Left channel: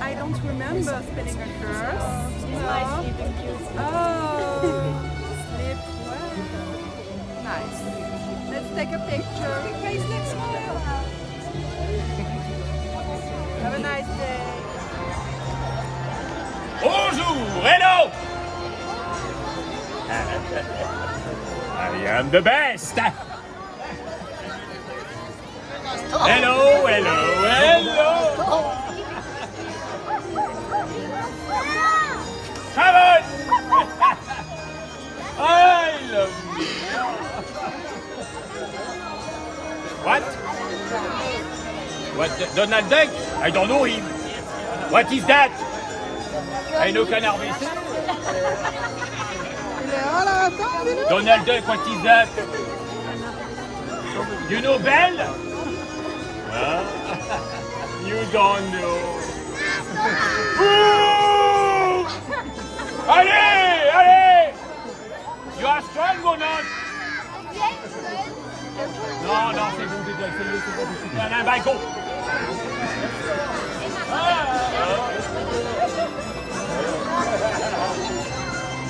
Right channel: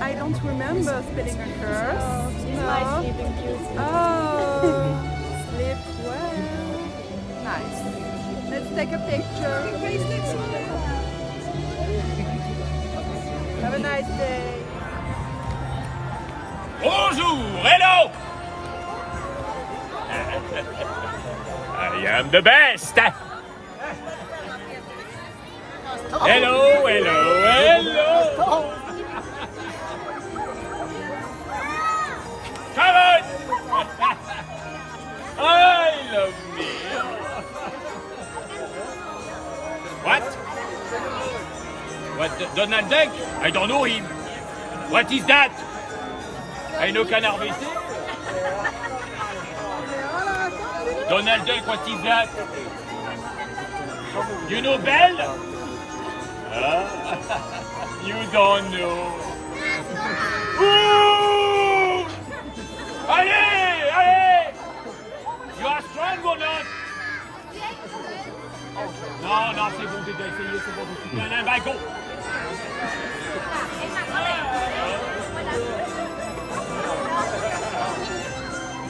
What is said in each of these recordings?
I don't remember spelling a curse. No. My sleeping beauty. Oh, sleep well. Nice. Let's take a picture. Have a nice day. Bonjour, hello! I am the best! Hello, hello, hello! Come on! I love me! What? What? Donald Duck? I don't know him. What is that? I know Canard WC. Donald Duck, what is that? You know Belle? You don't know. Ouh! Allez, allez! You are strong or not? Non, non, c'est bon, j'ai déjà essayé, c'est bon, je suis plein d'un balcon.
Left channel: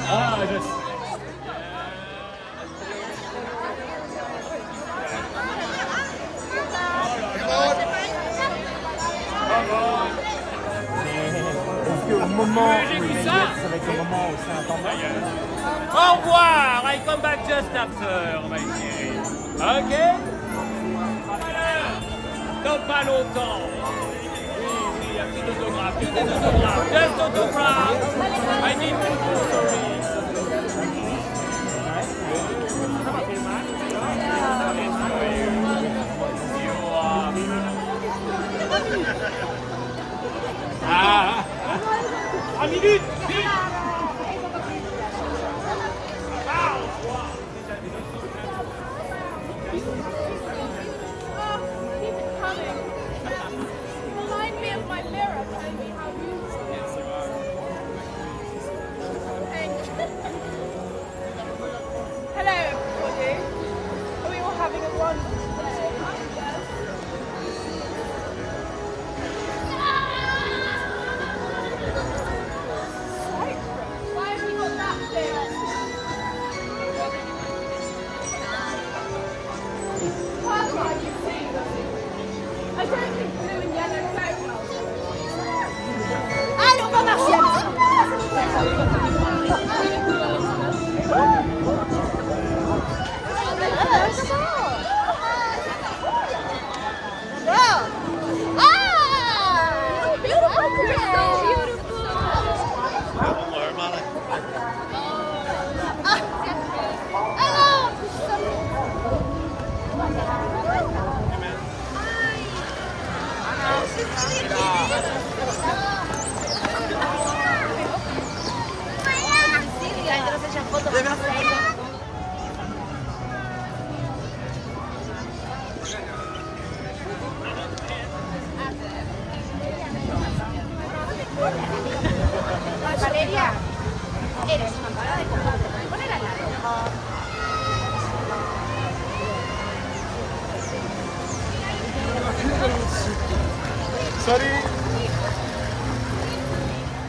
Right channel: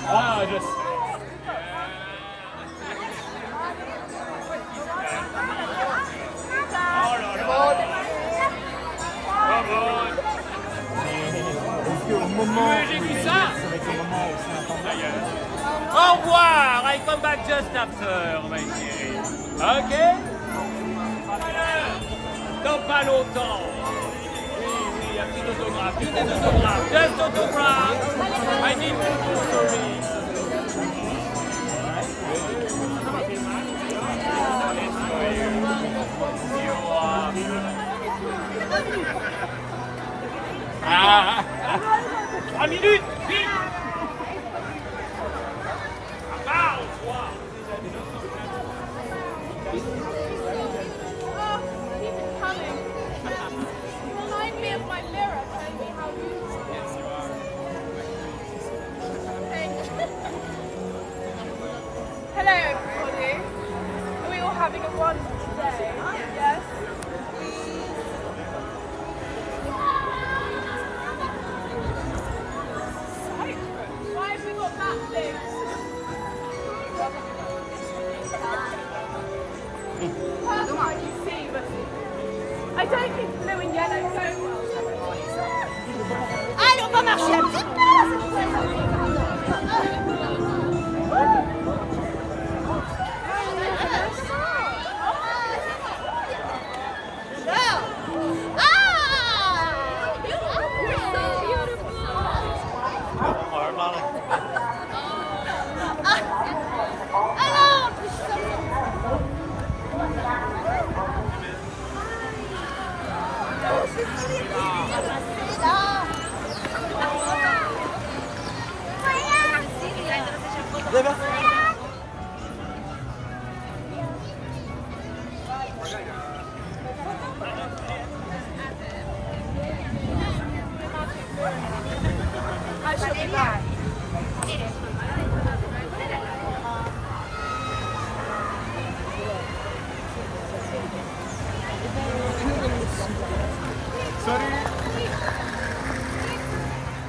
Ah, je sais. Oh là là. Come on. Est-ce qu'au moment où j'ai vu il ça. ça va être le moment où c'est intendable? Au revoir, I come back just after, my chérie. Ok? Dans pas longtemps. Oui, oui, un petit autographe, just autographe. I need to do sorry. Ah, 3 minutes, vite. Ah, au revoir. Oh, keep it coming. Remind me of my mirror, telling me how beautiful. Yes, you are. Thank you. Hello, everybody. Are we all having a wonderful day? Yes. Cyprus. Why have we got that thing? Part I can see, but I don't think blue and yellow go well. Allez, on va marcher un petit peu, s'il vous plaît. J'adore. Ah! Beautiful. Alors, I shall be back.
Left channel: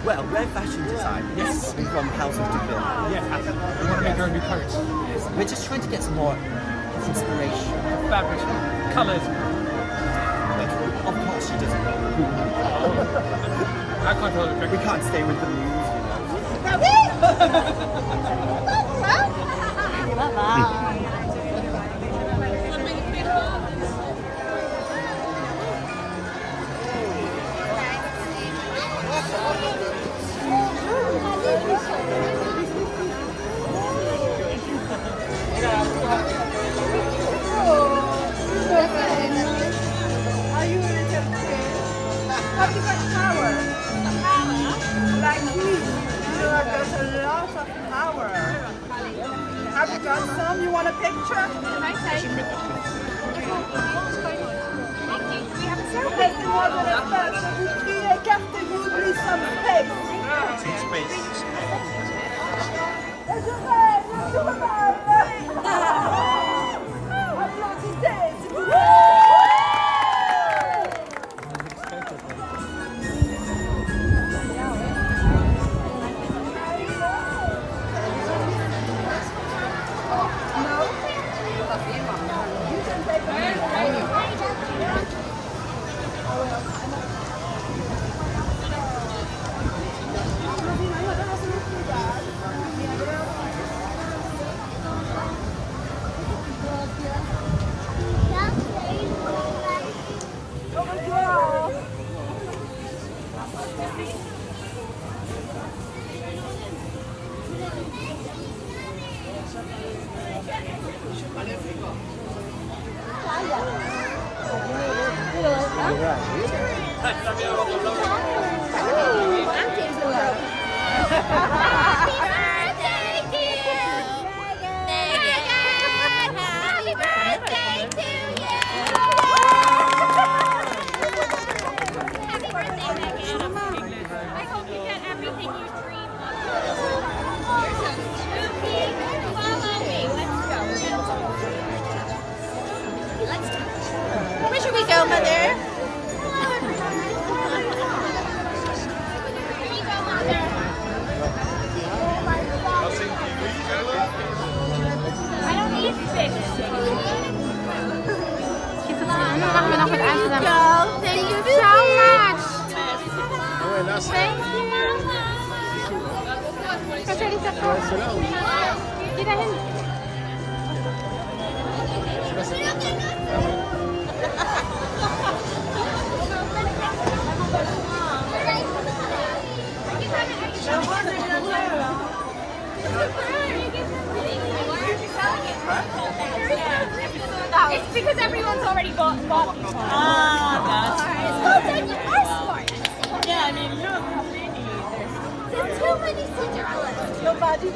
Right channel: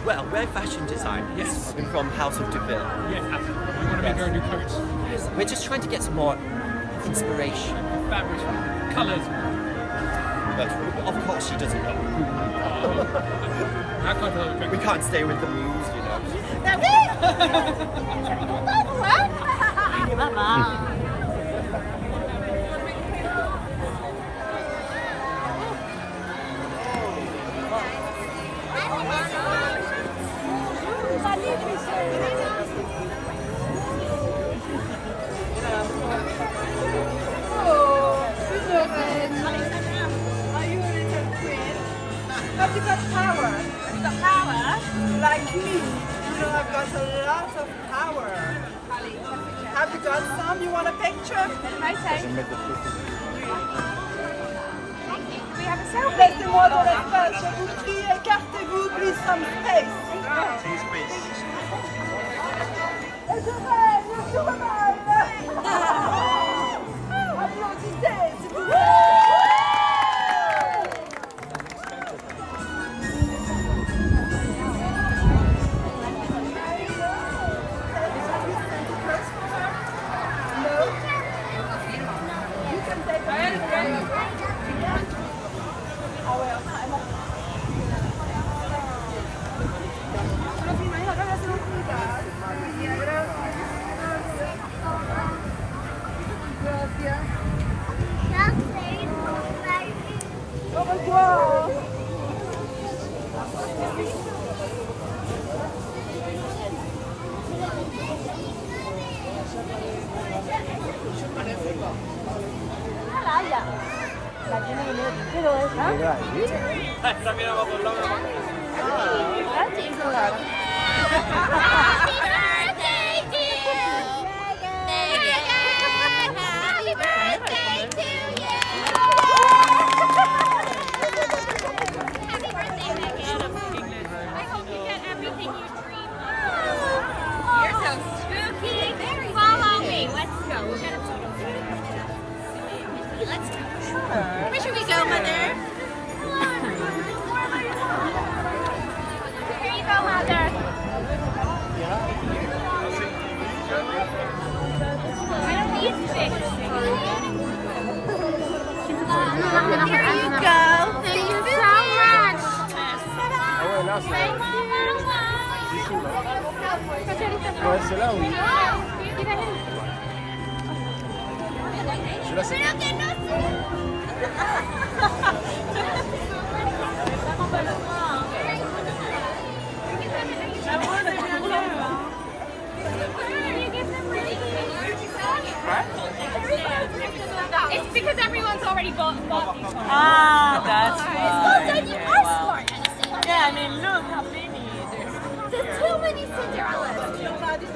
Well, we're fashion designers. Yes. We're from House of Deville. Yes, absolutely. We want to make our new coats. We're just trying to get some more inspiration. Fabrics, colours. But of course she doesn't know who. I can't tell her. We can't stay with the muse, you know. Bah oui. Pas vous, hein? Maman. Oh, Isabelle. Are you a little queen? Have you got power? Like me, you know, I've got a lot of power. Have you got some? You want a picture? Laissez-moi de l'espace, je vous prie, écartez-vous, please some space. Et je rêve, je rêve. Applaudissez, s'il vous plaît. That is a lot. Happy birthday to you! Megan! Happy birthday to you! Happy birthday, Megan! I hope you get everything you dream of. You're so spooky. Follow me. Let's go. We're gonna follow you. Let's go. Where should we go, Mother? Here you go, Mother. I don't eat fish. Here you go. Thank you so much. Thank you, Mama. La rose est bien mieux, hein. It's because everyone's already bought these ones. Ah, that's Well done, you are smart. Yeah, I mean, look how many There's too many Cinderellas. Nobody.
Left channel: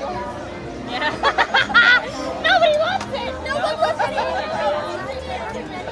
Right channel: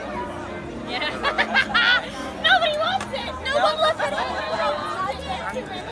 Nobody wants it. No one wants it. Okay.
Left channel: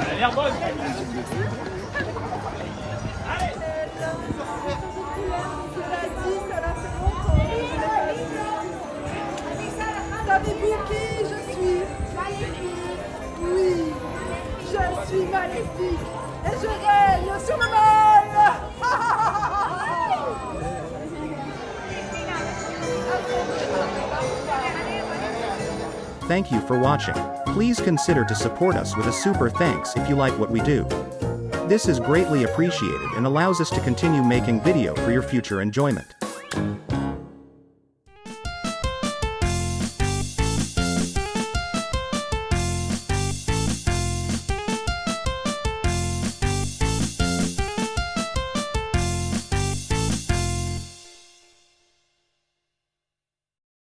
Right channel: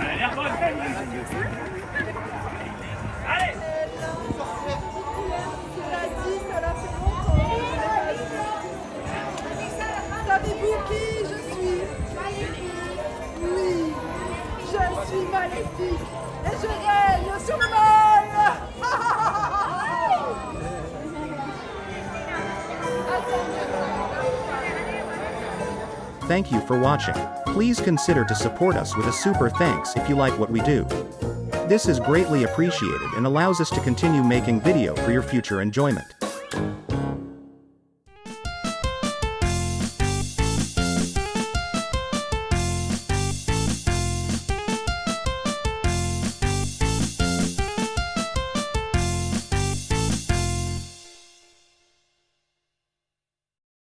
Elle a l'air bonne. Allez. Cela dit, cela fait longtemps que je n'ai pas vu. Savez-vous qui je suis? Maléfique. Oui, je suis maléfique. Et je règne sur le mal. Thank you for watching. Please consider to support us with a super thanks if you like what we do. This is greatly appreciated and allows us to continue making video for your future enjoyment.